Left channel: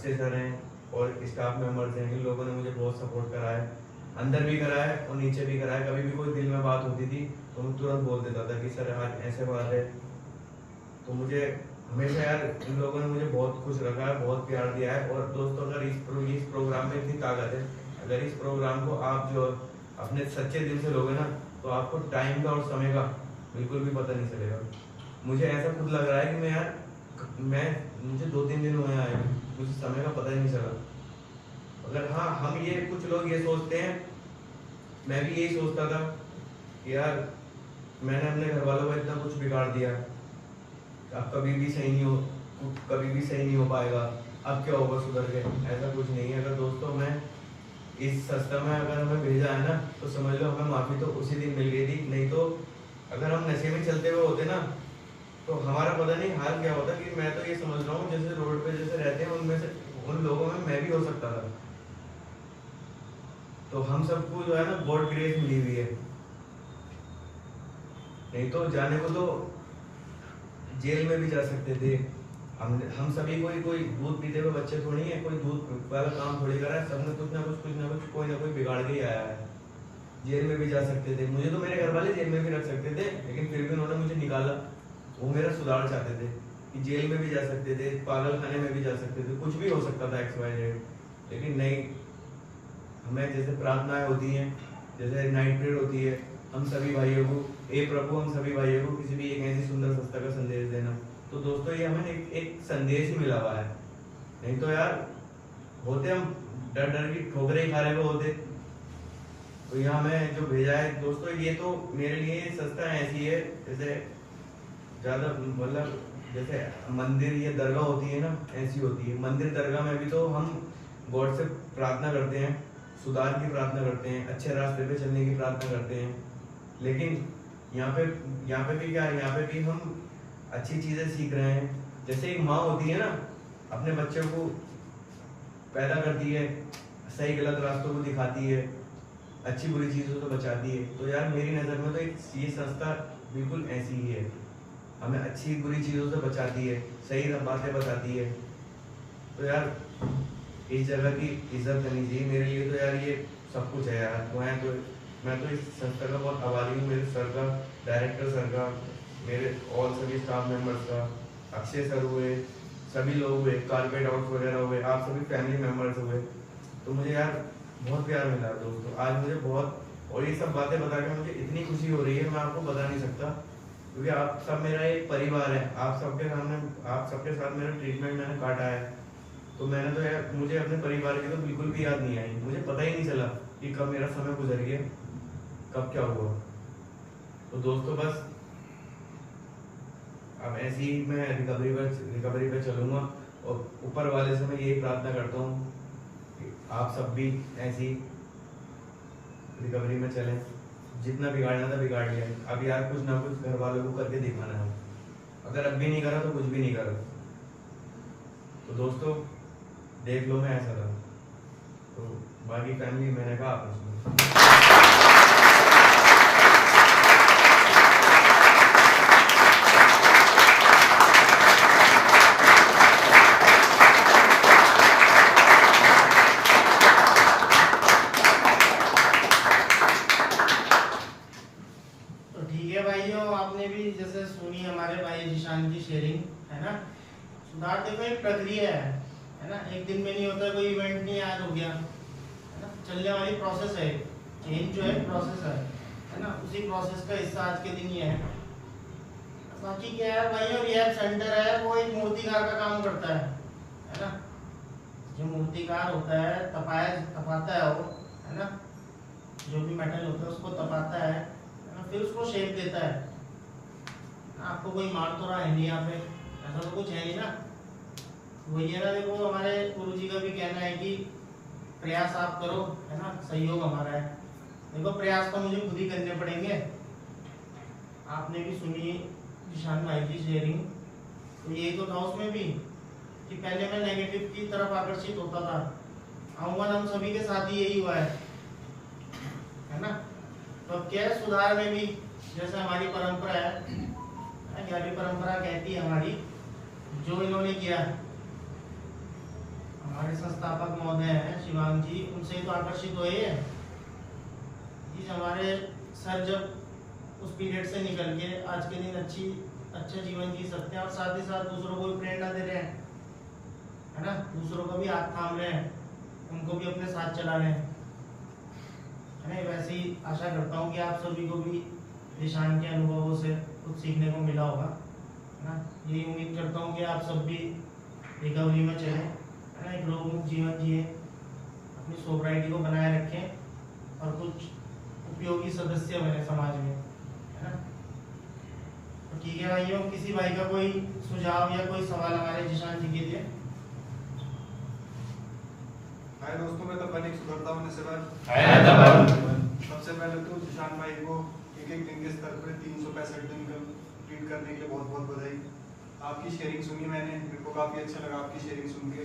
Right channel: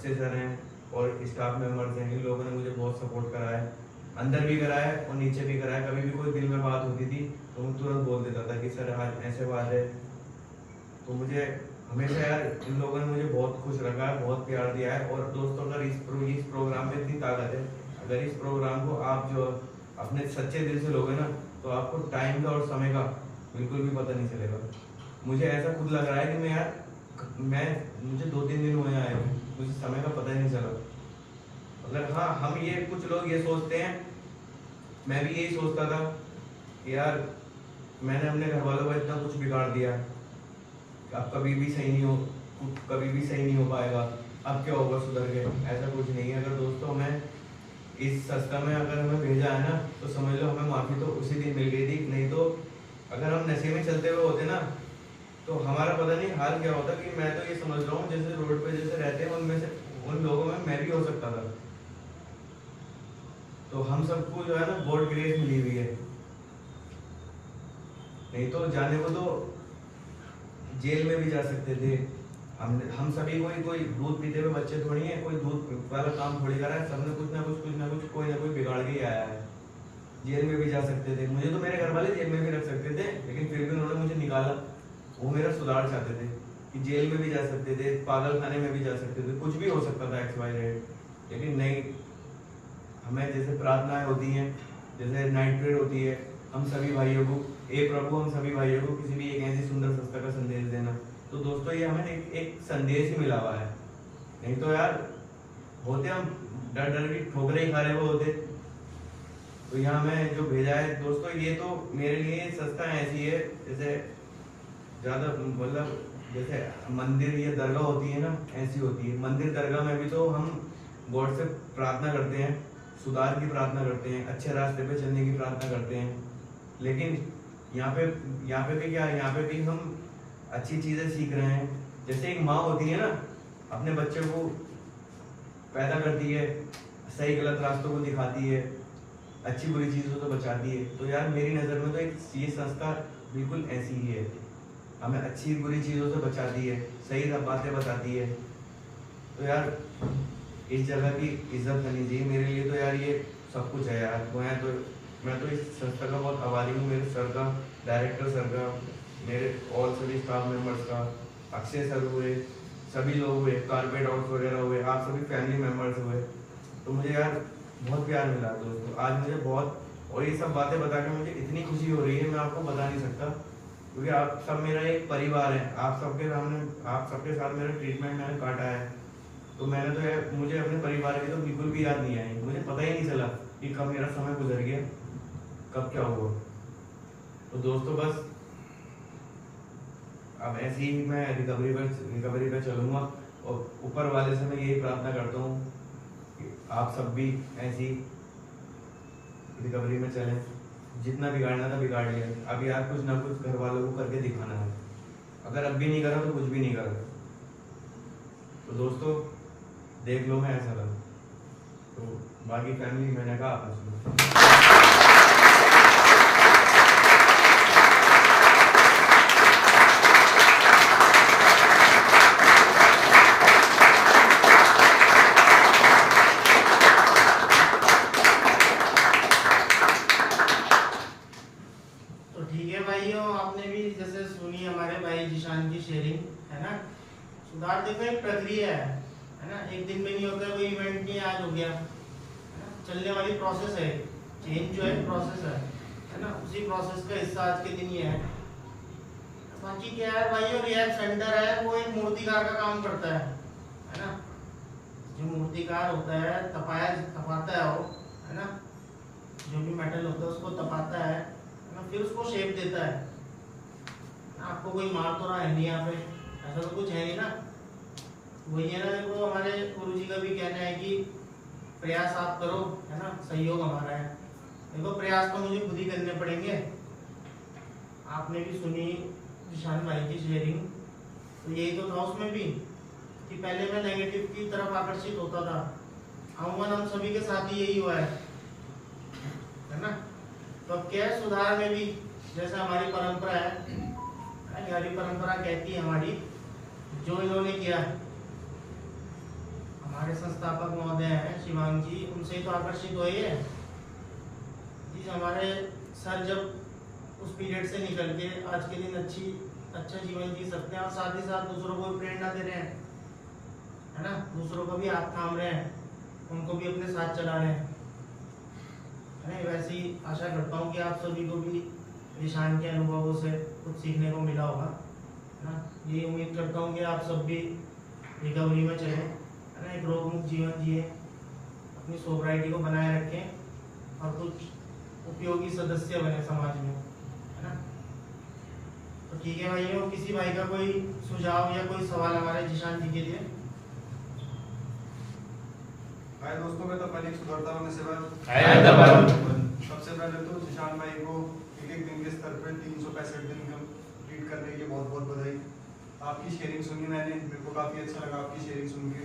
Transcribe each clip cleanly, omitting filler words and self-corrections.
Akshay sir हैं और staff members हैं, इन लोगों ने मुझे बहुत सपोर्ट करा है, अंदर भी करा है और नीचे भी करा है। कभी भी कोई दिल में बात होती थी तो मैं तुरंत बोल देता था कि सर आज ऐसे बात है। तो मुझे हमेशा यार इन लोगों ने मुझे बहुत खुश रखा है, बहुत प्यार दिया है। और दोस्तों अगर इस प्रोग्राम में इतनी ताकत है, अगर इस प्रोग्राम को आप जो अपने सच्चे दिल से लोगे ना तो आपको टाइम का और समय का बिल्कुल भी पता नहीं चलेगा। मुझे ऐसा खुद लग रहा है कि मुझे 2-3 दिन हुए आए, मुझे समय का पता ही नहीं चला। अगर हाँ हम ये कुछ लोग ये सोचते हैं, मैं भी यही सोचता था कि यार मैंने अपने घर वालों का इतना कुछ बिगाड़ दिया, अब कभी भी सही नहीं हो पाएगा, अब क्या होगा सुधर के। ऐसा कुछ नहीं है। अगर दोस्तों मैं इस संस्था में अगर हमें भेजा है ना तो समझ लो हमें माफ़ी तो उसी दिन मिल गई थी। नहीं तो अगर हम नशे में चलते हुए होते ना तो हमारा पता नहीं हाल क्या होता। कि मैं तो ये समझ रहा हूँ जैसे रोड पे जैसे रहते हैं उनमें से उन लोगों में मैं भी हो सकता था। तो हम सबको जो है ना गॉड ग्रेस मिली हुई है, नहीं तो जाने को तो जेल में भी जा सकते थे। हम सभी कोई दूध पीते हुए बच्चे थोड़ी है, कोई दूध वाला काम थोड़ी करा है। सबने कुछ ना कुछ कोई ना कोई बिगाड़ के ही आया है। जेल में भी जा सकते थे, मुझे तो मेरे घर वाले जेल में भी रख सकते थे, लेकिन फिर भी उन्होंने मुझे निकाला। वो मेरा सुधार चाहते थे कि जेल में भी जा सकते थे, पागल खाने में भी जा सकते थे, कुछ भी हो सकता था XYZ। लेकिन नहीं, हमें जैसे प्रार्थनाएं होती हैं, जैसे नाइट प्रेयर होती है, हम सभी भाइयों को प्रभु हम सभी भाइयों को किसी भी एक ऐसी सुंदर संस्था का संदेश देना। तो दोस्तों ये हमें एक संदेश ही मिला हुआ है। नहीं तो यार होते हम डर की ठोकरें ही खा रहे हुए होते। तो यहाँ मैं जो भेजा है दोस्तों, ये तो मेरे लिए संस्था ऐसी है जैसे ज्यादा मतलब जैसे मंदिर या दरगाह होती है ना, ऐसी होती है। मंदिर दरगाह में भी तो हम गॉड से प्रार्थना करते हैं, सुधार की प्रार्थना करते हैं, अच्छे रास्ते पे चलने की प्रार्थना करते हैं। लेकिन यहाँ पे भी क्या है, यहाँ पे भी हम अच्छी चीजें सीख रहे हैं। जैसे एक माँ होती है ना, अपने बच्चों को पैदा करती है, सही गलत रास्तों को दिखाती है, अच्छी बुरी चीजों से बचाती है। तो यार मेरी नज़र में तो ये संस्था बिल्कुल ऐसी ही है, हमें अच्छी बुरी चीज़ों से बचाती है, सही बातें बताती है। तो यार इस जगह की इज्जत करनी चाहिए। मेरे लिए तो यार ये सब कुछ है यार। मैं तो इस संस्था का बहुत आभारी हूँ, मेरे सर का, डायरेक्टर सर का, मेरे और सभी स्टाफ मेंबर्स का, अक्षय सर हुए, सभी लोग हुए, कारपेट आउट वगैरह हुए, आप सभी फैमिली मेंबर्स हुए। तो मुझे यार बहुत प्यार मिला दोस्तों, आज मुझे बहुत। और ये सब बातें बताकर मुझे इतनी खुशी हो रही है, मैं आपको बता नहीं सकता, क्योंकि आप सब मेरा एक परिवार है। आप सबके साथ मेरा ट्रीटमेंट मैंने काटा है। तो मैंने तो यार मुझे अपने परिवार की तो बिल्कुल भी याद नहीं आई। मुझे पता ही नहीं चला कि कब मेरा समय गुजर गया, कब क्या हुआ। तो दोस्तों बस अब ऐसे ही मैं रिकवरी पे चलूँगा। और ऊपर वाले से मैं यही प्रार्थना करता हूँ कि आप सब भी ऐसी रिकवरी में चलें। जितना बिगाड़ना था बिगाड़ लिया, अब यार कुछ ना कुछ घर वालों को करके दिखाना है। अगर अब भी नहीं करा तो कुछ भी नहीं करा। तो दोस्तों देख लो मैं ऐसा था। तो बाकी फैमिली मैंने कहा आपने सुनो। सुधार देखो एक प्रक्रिया है ना, एक दिन में नहीं होता, कोई इवेंट नहीं आज हो गया, है ना, चलने वाली प्रोसेस है। चेंज जो है प्रोसेस है ना, उसी प्रोसेस का हिस्सा आज के दिन ये है। बाकी क्या है भाई, और रिहैब सेंटर है वो एक मूर्तिकार का काम करता है ना। जो मूर्तिकार होता है तपाता है वो, है ना, जो भी मेटल होता है उसको तपाता है ना, फिर उसको शेप देता है। आपको कोई मार तो रहा है नहीं यहाँ पे, ऐसा तो कुछ है नहीं ना। वही है ना, देखो हमारे गुरु जी का भी कहना है कि प्रयास आप करो, है ना, सहयोग हमारा है। देखो प्रयास तो मुझे खुद ही करने पड़ेंगे। आपने भी सुनी निशान भाई की शेयरिंग, तो यही तो था उसमें भी कि पहले मैं नेगेटिव की तरफ आकर्षित होता था। अमूमन हम सभी के साथ ही यही हुआ है ना। तो अब क्या है, सुधार में भी जैसे हमारी परंपरा है, 11वीं परंपरा कहती है हमारी, जो इन्होंने किया हमारे संस्थापक महोदय हैं शिवांग जी, उनसे तो आकर्षित हुए हैं जी। हमारे सर जब उस पीरियड से निकल के आज के दिन अच्छा जीवन जी सकते हैं और साथ ही साथ दूसरों को भी प्रेरणा दे रहे हैं, है ना, दूसरों को भी हाथ थाम रहे हैं, उनको भी अपने साथ चला रहे हैं, है ना। वैसी आशा करता हूँ कि आप सभी को भी निशान के अनुभवों से कुछ सीखने को मिला होगा, है ना। ये उम्मीद करता हूँ कि आप सब भी रिकवरी में चलें, है ना, एक रोग मुक्त जीवन जिए, अपनी सोब्राइटी को बनाए रखें और कुछ उपयोगी सदस्य बने समाज में, है ना। तो ठीक है भाइयों, किसी भाई का कोई सुझाव या कोई सवाल हमारे जिशान जी के लिए? भाई दोस्तों में तो पहले सुधरता होने से सबसे पहले तो जिशान भाई को एक दिन के स्तर पे 365 दिन कंप्लीट करने के लिए बहुत बहुत बधाई। आपकी शेयरिंग सुनी मैंने, मेरे को काफ़ी अच्छा लगा आपकी शेयरिंग सुन के,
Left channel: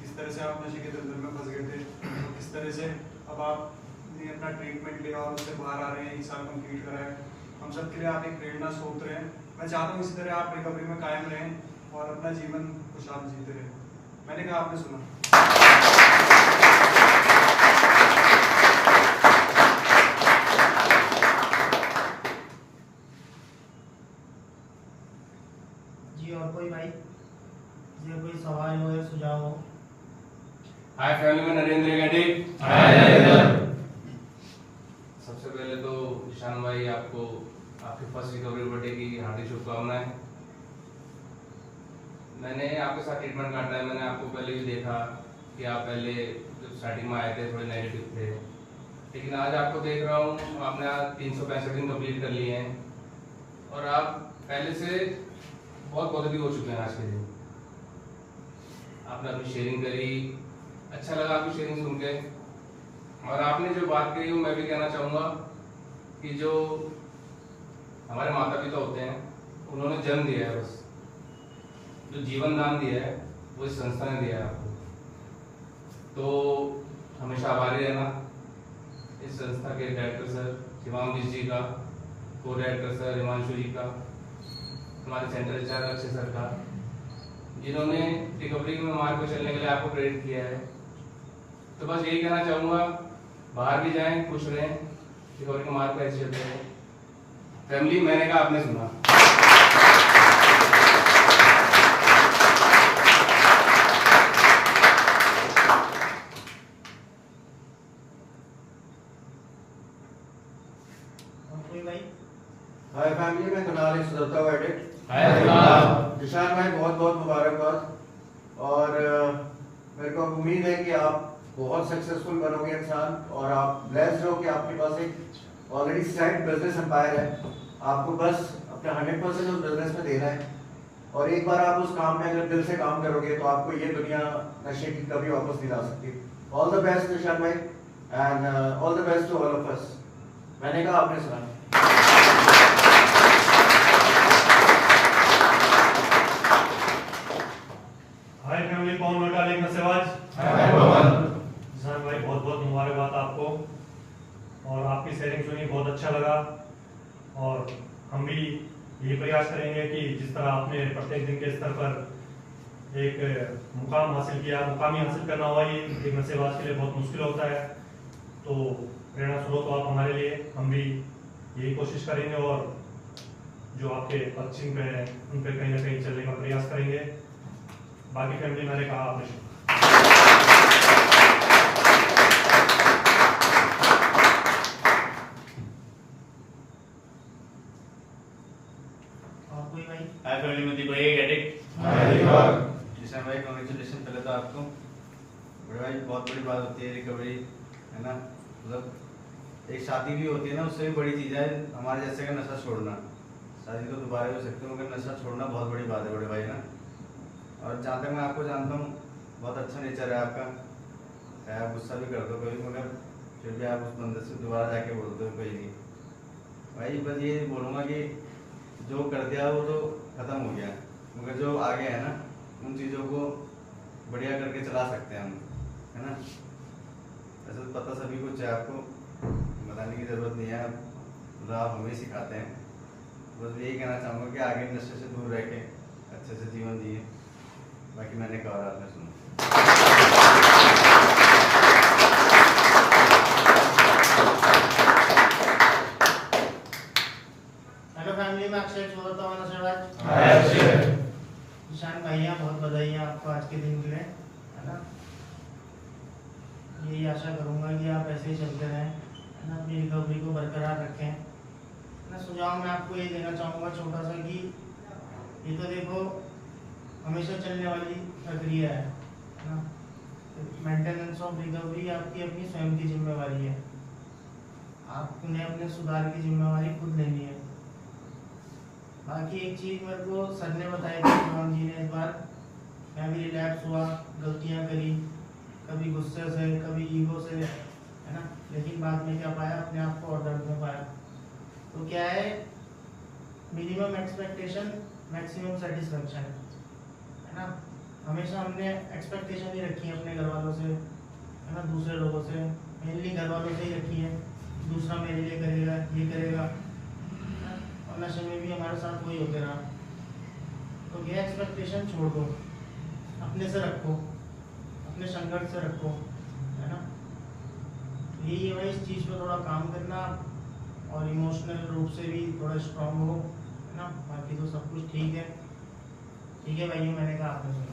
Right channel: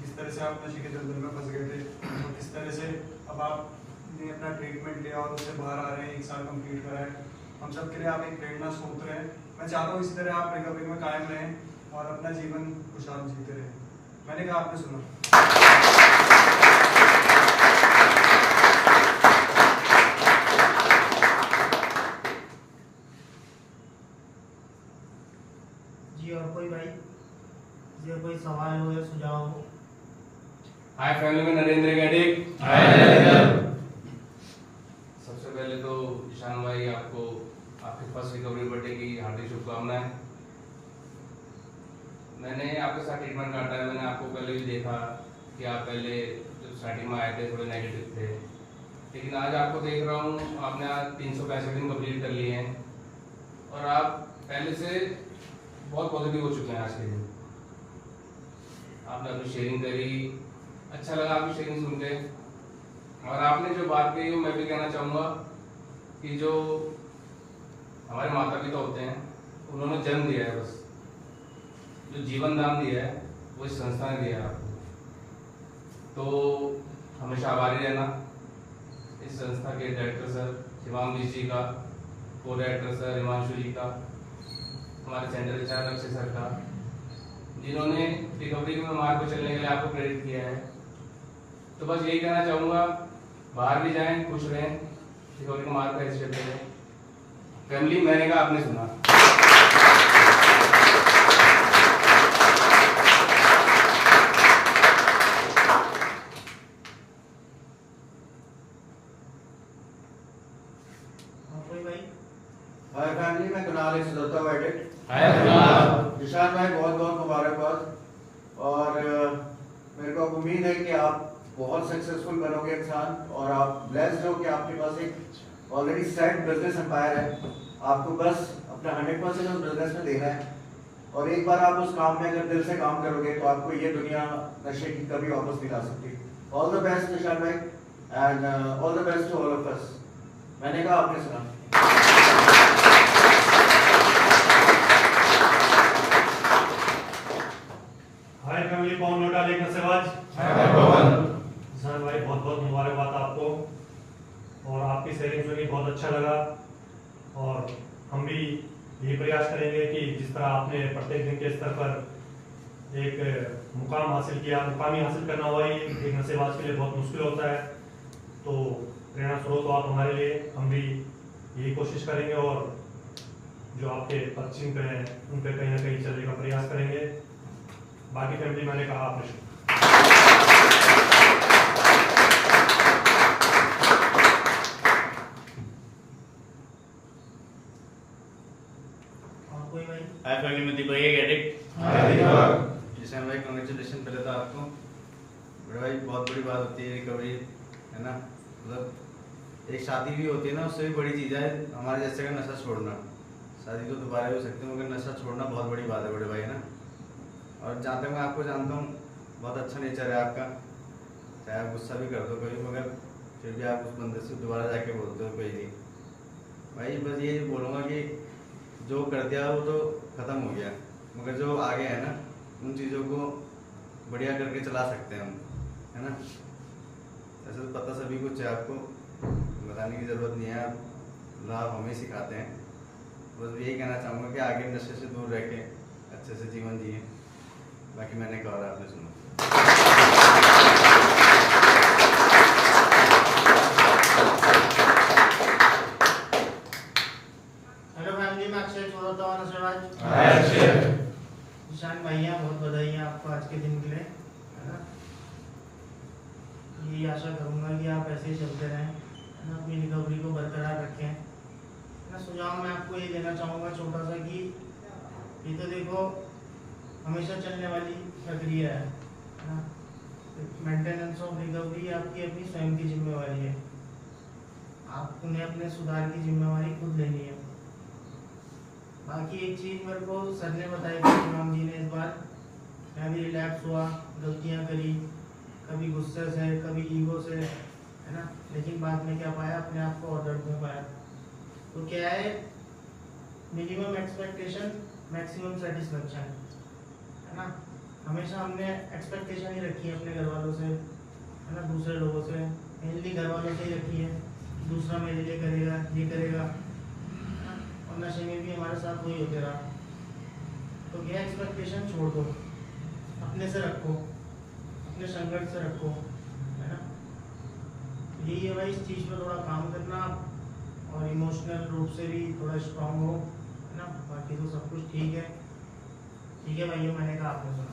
किस तरह से आप नशे के दलदल में फंस गए थे और किस तरह से अब आपने अपना ट्रीटमेंट लिया और उससे बाहर आ रहे हैं, 1 साल कंप्लीट करा है। हम सब के लिए आप एक प्रेरणा स्रोत रहे हैं। मैं चाहता हूँ इसी तरह आप रिकवरी में कायम रहें और अपना जीवन खुशहाल जीते रहें। मैंने कहा आपने सुना। जी और कोई भाई जी कोई सवाल हो या सुझाव हो? हाय फैमिली में नरेंद्र गाड़ी। सबसे पहले तो जिशान भाई आपको आपके फर्स्ट रिकवरी बर्थडे की हार्दिक शुभकामनाएं। मैंने आपके साथ ट्रीटमेंट काटा है, मैंने आपको पहले भी देखा कि आप पहले जब स्टार्टिंग में आए थे थोड़े नेगेटिव थे, लेकिन आज आपको देख रहा हूँ आपने आज 365 दिन कंप्लीट कर लिए हैं और आप पहले से बहुत पॉजिटिव हो चुके हैं। आज के दिन आपने अपनी शेयरिंग करी, अच्छा लगा आपकी शेयरिंग सुन के। और आपने जो बात कही वो मैं भी कहना चाहूँगा कि जो हमारे माता पिता होते हैं उन्होंने जन्म दिया है, बस जो जीवन दान दिया है वो इस संस्था ने दिया है आपको, तो हमेशा आभारी रहना इस संस्था के डायरेक्टर सर शिवांग जी का, को डायरेक्टर सर हिमांशु जी का, हमारे सेंट्रल इंचार्ज अक्षय सर का, जिन्होंने रिकवरी में मार्ग पर चलने के लिए आपको प्रेरित किया है। तो बस यही कहना चाहूँगा, बाहर भी जाएं, खुश रहें, रिकवरी के मार्ग पर ऐसे चलते रहें। फैमिली, मैंने कहा आपने सुना। कोई भाई? हाय फैमिली, मैं कुणाल, एक सुधरता हुआ एडिक्ट। जिशान भाई बहुत बहुत मुबारकबाद और मेरे को अब उम्मीद है कि आप बहुत सक्सेसफुल बनोगे इंसान और आप ब्लेस्ड हो कि आपके पास एक ऑलरेडी सेट बिजनेस एम्पायर है। आपको बस अपना 100% उस बिजनेस में देना है और एक बार आप उस काम में अगर दिल से काम करोगे तो आपको ये दुनिया नशे की कभी वापस नहीं ला सकती। ऑल द बेस्ट जिशान भाई and all the best to all of us. मैंने कहा आपने सुना। हाय फैमिली, कौन लौटा लेकर सेवाज। जिशान भाई बहुत बहुत मुबारकबाद आपको और आपकी शेयरिंग सुनी, बहुत अच्छा लगा और हम भी ये प्रयास करेंगे कि जिस तरह आपने प्रत्येक दिन के स्तर पर एक मुकाम हासिल किया, मुकामी हासिल करना हुआ ही एक नशेबाज के लिए बहुत मुश्किल होता है, तो प्रेरणा स्रोत आप हमारे लिए, हम भी यही कोशिश करेंगे और जो आपके पश्चिम पे हैं उन पे कहीं ना कहीं चलने का प्रयास करेंगे। बाकी फैमिली, मैंने कहा आपने कोई भाई? हाय फैमिली में देखो एक एडिक्ट। जिशान भाई कांग्रेचुलेशन पहले तो आपको। बड़े भाई बहुत बड़ी बात होती है रिकवरी, है ना। मतलब एक शादी भी होती है ना, उससे भी बड़ी चीज़ है हमारे जैसे का नशा छोड़ना। शादी तो दोबारा हो सकती है मगर नशा छोड़ना बहुत बड़ी बात है बड़े भाई, है ना। और जहाँ तक मैं आपको जानता हूँ बहुत अच्छा नेचर है आपका, चाहे आप गुस्सा भी कर दो कभी मगर फिर भी आप उस बंदे से दोबारा जाके बोलते हो कोई नहीं। भाई बस ये बोलूँगा कि जो कर दिया वो तो ख़त्म हो गया, मगर जो आगे है ना उन चीज़ों को बढ़िया करके चला सकते हैं हम, है ना। ऐसे तो पता सभी कुछ है, आपको बताने की ज़रूरत नहीं है, आप हमें सिखाते हैं। बस यही कहना चाहूँगा कि आगे नशे से दूर रह के अच्छे से जीवन जिए। बाकी मैंने कहा आपने सुना। है ना। यही आशा करूंगा कि आप ऐसे ही चलते रहें, है ना, अपनी रिकवरी को बरकरार रखें। मैं सुझाव मैं आपको ये देना चाहूँगा छोटा सा कि ये तो देखो हमेशा चलने वाली प्रक्रिया है ना। मेंटेनेंस ऑफ रिकवरी आपकी अपनी स्वयं की जिम्मेवारी है। आप उन्हें अपने सुधार की जिम्मेवारी खुद लेनी है। बाकी एक चीज़ मेरे को सर ने बताई थी, शिवांग जी ने, इस बार मैं भी रिलैक्स हुआ, गलतियाँ करी, कभी गुस्से से कभी ईगो से, है ना, लेकिन बाद में क्या पाया, अपने आप को ऑर्डर में पाया। तो क्या है, मिनिमम एक्सपेक्टेशन मैक्सिमम सेटिस्फेक्शन, है ना। हमेशा हमने एक्सपेक्टेशन ही रखी है अपने घर वालों से, है ना, दूसरे लोगों से, मेनली घर वालों से ही रखी है, दूसरा मेरे लिए करेगा, ये करेगा, और नशे में भी हमारे साथ वही होते रहा। तो ये एक्सपेक्टेशन छोड़ दो, अपने से रखो, अपने संघर्ष से रखो, है ना। यही है भाई, इस चीज़ पे थोड़ा काम करना और इमोशनल रूप से भी थोड़ा स्ट्रांग हो, है ना। बाकी तो सब कुछ ठीक है भाइयों, मैंने कहा आपने सुना।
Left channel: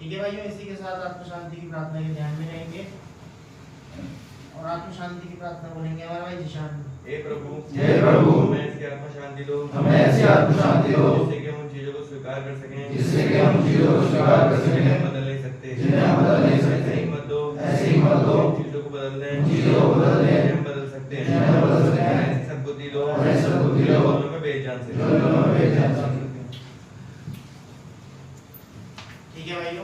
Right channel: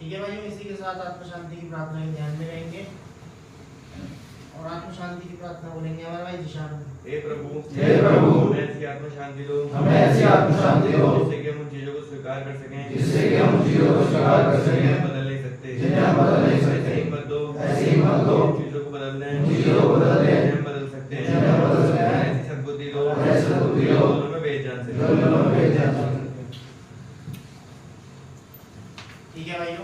ठीक है भाइयों, इसी के साथ आत्म शांति की प्रार्थना के ध्यान में रहेंगे और आत्म शांति की प्रार्थना बोलेंगे हमारे भाई जिशान। हे प्रभु, हमें ऐसी आत्म शांति दो, हमें ऐसी आत्म शांति दो जिससे कि हम उन चीजों को स्वीकार कर सकें, जिससे कि हम चीजों को स्वीकार कर जिन्हें हम सकें, बदल नहीं सकते, जिन्हें हम बदल नहीं सकते। ऐसी हिम्मत दो, ऐसी हिम्मत दो, चीजों को बदलने, चीजों को बदलने, जिन्हें हम बदल सकते हैं, जिन्हें हम बदल सकते हैं। ऐसी सद्बुद्धि दो, ऐसी सद्बुद्धि दो, दोनों में बेजान से जो दोनों में बेजान से। ठीक है भाइयों।